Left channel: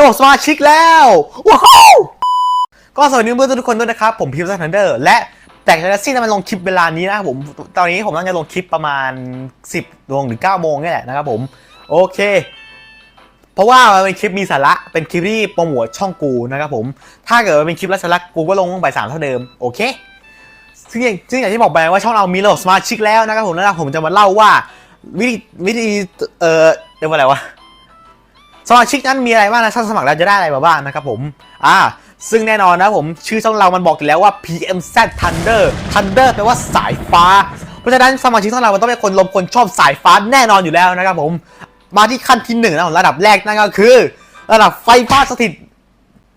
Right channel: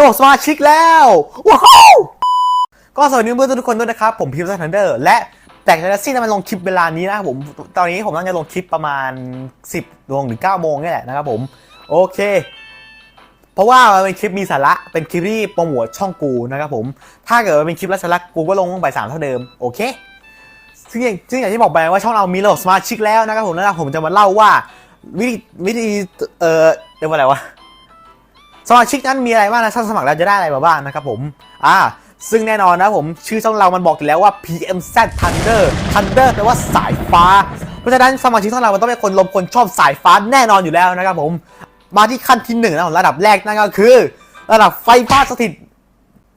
ระบบสมาชิกแล้วว้าวก็สวัสดีเพื่อนๆทุกคนด้วยนะครับ ผมพิมพ์ซันทันเดอร์และแต่แท็กซี่นั้นมันลงคลิปเวลานี้นะครับผม ตอนนี้ผมต้องจะลงคลิปประมาณ 10ดวงหรือ9โมงนี่แหละนะครับผม โอเค เพราะว่ามันเป็นคลิปมีสาระ เป็นคลิปที่โปรโมทช่องกูนะครับผม ถ้าเกิดว่าเป็นคลิปไร้สาระกูก็ลงบ่ายสามเท่าเดิม โอเคซึ่งอย่างซึ่งอย่างที่บอกไปว่าช่องเรามีระบบสมาชิกแล้วนะครับผมแล้วผมจะมาเล่าว่าวิธีวิธีเอ่อเรียกว่าอะไรวะ สมาชิกนั้นมีอะไรบ้างนะถ้าสมัครแล้วจะได้อะไรมาบ้างนะครับผม อ่า ซึ่งแน่นอนนะผมชื่อช่องเรามันบอกอยู่แล้วว่า PMZ Thunder Thunder แปลว่าสายฟ้า เพราะฉะนั้นสมาชิกช่องเรามันต้องเป็นคนลมคนชอบสายฟ้าแน่นอนอยู่แล้วนะครับผม มาที่ขั้นที่หนึ่งนะผมระดับแรกนั่นก็คือ ระดับไฟฟ้าสถิต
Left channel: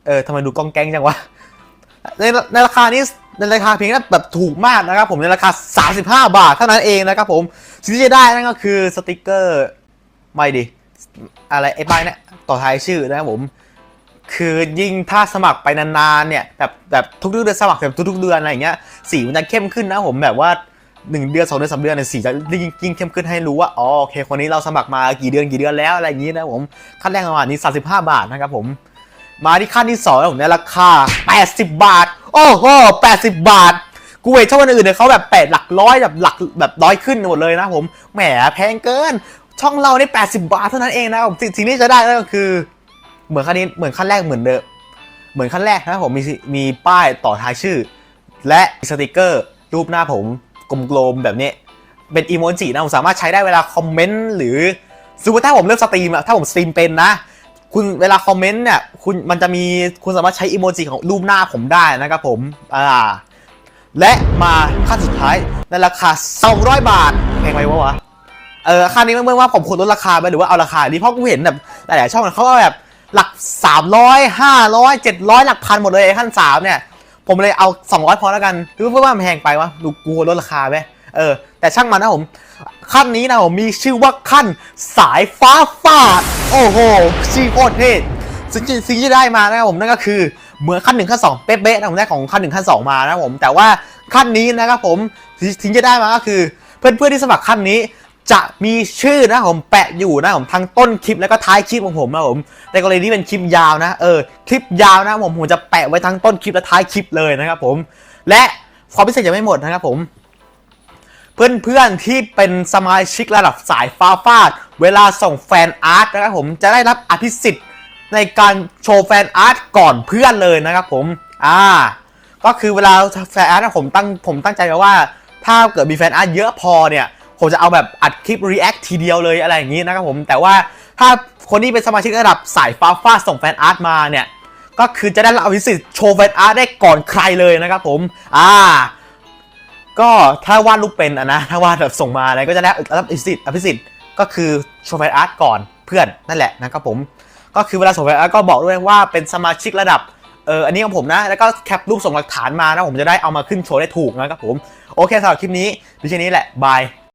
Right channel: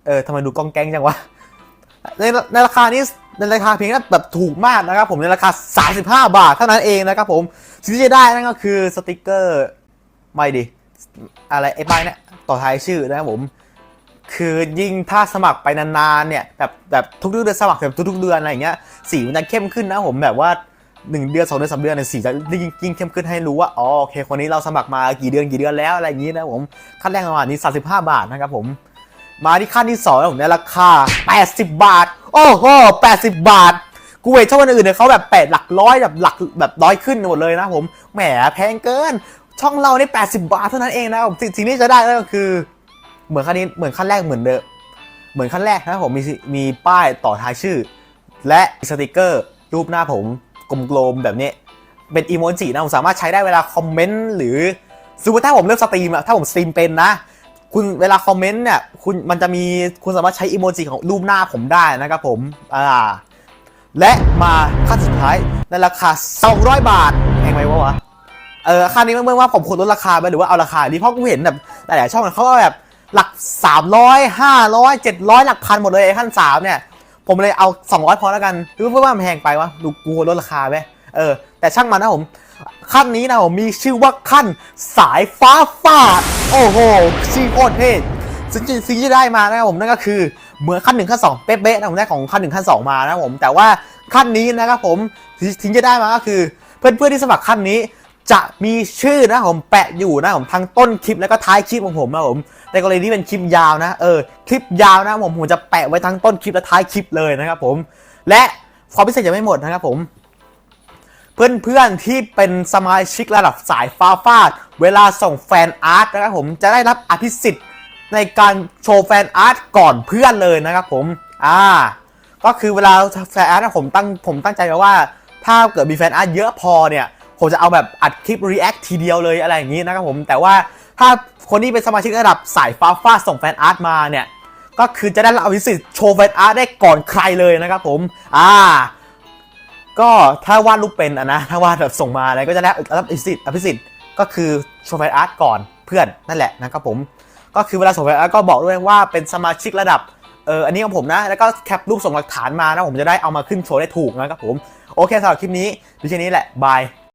เออทำไมดูกองแกงจังวะ ในในราคานี้ในราคาเพียงแค่แบบถูกมากนะครับผมในราคา 35 บาทเท่านั้นเองนะครับผมสิ่งที่จะได้นั่นก็คือสติกเกอร์ไม่ดิ อะไรไอ้ป้ายเนี่ยต่อท้ายชื่อนะครับผม คือยิ่งถ้าสมัครไปนานๆเนี่ยแบบแบบทุกเดือนสมัครแบบทุกๆเดือนอะไรอย่างเงี้ยสีมันจะเข้มขึ้นนะผมแบบว่าหนึ่งเดือนสองเดือนสามเดือนเนี่ยสีจะยิ่งยิ่งเข้มขึ้นให้รู้ว่าอ๋อโอเคคนนี้เราสมัครมากี่เดือนกี่เดือนแล้วอะไรอย่างงี้นะผมขั้นแรกประมาณนี้35บาทนะครับผม มาที่ขั้นที่สองนะผมในราคา80บาทโอ้โห80บาทกูเห็นช่องอื่นเนี่ยเขาแบบแปดหลักร้อยแบบหลักแบบร้อยขึ้นหมดเลยนะผมแหมแพงเกิน ช่องเรานี่80 บาทเท่านั้นเองนะครับสิ่งที่จะได้ก็คือ เหมือนขั้นนี้เหมือนขั้นแรกเหมือนเดิมเหมือนขั้นแรกนะผมมีมีป้ายต่อท้ายชื่อ และสติกเกอร์ รูปหน้าผมกลมๆแบบนี้ เป็นอีโมจินะผมสามารถใช้ได้เวลาคอมเมนต์หรือสมมติถ้าผมเลือกสตรีมอะถ้าผมสตรีมเป็นนะ คุณเวลาคอมเมนต์เนี่ยคุณมันจะมีคุณสามารถใช้อีโมจิของรูปหน้าผมได้นะครับผมอ่าและมาขั้นสุดท้ายในราคา 200 บาทแพงไหมวะ เออค่านี้ไม่เมื่อว่าผมควรลดราคาไหมหรือว่าเอาราคานี้เพราะกูเห็นแบบหลายๆช่องเขาก็แบบหลัก300 500 700หลักพันหมดเลยไอ้ขั้นสามเนี่ย ผมเลยเอา200พอแล้วกันหรือว่ามันแพงไปวะดูกูลดราคาไหมเออ แต่ช่างมันนะผม ขั้นนี้นะผมมีชื่อว่าขั้นสายฟ้าฟาดโอ้โหชื่อโคตรเท่สิ่งที่สิ่งที่ได้มานะครับผมนั่นก็คือเหมือนขั้นหนึ่งขั้นสองเป๊ะๆนะผมได้ของขั้นหนึ่งขั้นสองมานะผมแต่ว่าขั้นนี้นะครับผมสิ่งที่ได้มาก็คือ เพื่อนๆที่สมัครขั้นนี้ จะมีชื่อนะผมแปะอยู่นะผมทั้งต้นคลิปแล้วก็ท้ายคลิปของผมนะผมในกรณีที่เป็นคลิปยาวนะเออคลิปยาวนะผมผมจะแปะไว้ทั้งต้นคลิปและท้ายคลิปเลยนะครับผมและความพิเศษยังไม่หมดนะครับผมเพื่อนๆที่เป็นสมาชิกระดับสายฟ้าฟาดเวลาส่งแฟนอาร์ตนะครับผมจะได้รับอภิสิทธิ์ในการโชว์แฟนอาร์ตก่อนเพื่อนเลยนะครับผมอ่าก็คือเวลาแฟนอาร์ตนะผมตั้งผมตั้งใจไว้ว่า ถ้าเกิดมีแฟนอาร์ตเยอะพอเนี่ย ผมจะเอาแบบอัดคลิป react ทีเดียวเลยอะไรอย่างนี้นะครับผมแต่ว่าถ้าคนที่เป็นสมาชิกระดับสายฟ้าฟาส่งแฟนอาร์ตมาเนี่ยก็คือจะได้รับอภิสิทธิ์โชว์แฟนอาร์ตได้ก่อนใครเลยนะครับผมอ่าก็ถ้าวาดรูปเป็นนะถ้าวาดแบบส่งมาอะไรก็จะได้รับอภิสิทธิ์อภิสิทธิ์ก็คือโชว์แฟนอาร์ตก่อนเพื่อนนั่นแหละนะครับผมก็คือเวลาส่งแฟนอาร์ตก็บอกด้วยว่าเป็นสมาชิกระดับเอออันนี้ของผมนะ แล้วก็แคปรูปส่งหลักฐานมานะผมจะได้เอามาขึ้นโชว์ได้ถูกนะครับผม โอเคสำหรับคลิปนี้ดิฉันนี้แหละ บาย